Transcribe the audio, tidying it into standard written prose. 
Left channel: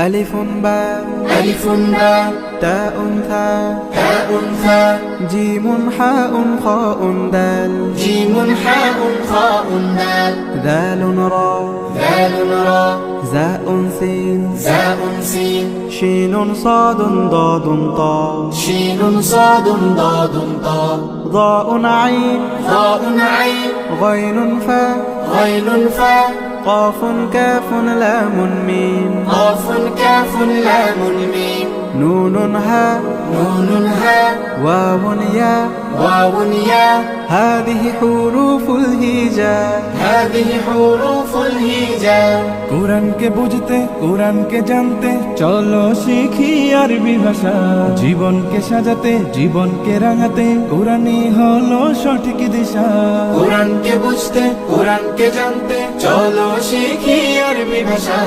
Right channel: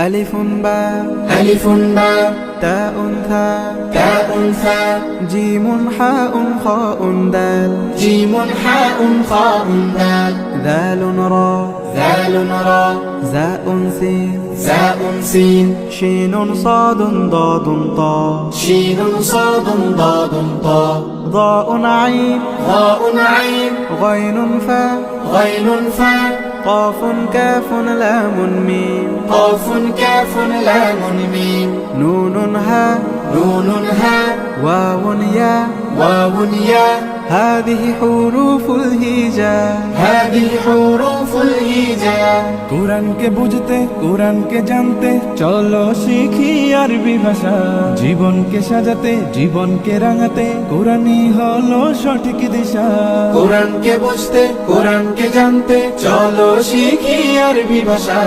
ألف باء ألف باء تاء ثاء تاء ثاء جيم حاء خاء دال جيم حاء خاء دال ذال را ذال را زاء سين زاء سين شين صاد ضاد طاء شين صاد ضاد طاء ضاء عين ضاء عين غين فاء غين فاء قاف كاف لام ميم قاف كاف لام ميم نون هاء نون هاء واو ياء واو ياء هذه حروف الهجاء هذه حروف الهجاء কোরআনকে বুঝতে কোরআনকে জানতে চলো শিখি আরবি ভাষা জীবনকে সাজাতে জীবনকে রাঙাতে কোরআনই হলো সঠিক দিশা কোরআনকে বুঝতে কোরআনকে জানতে চলো শিখি আরবি ভাষা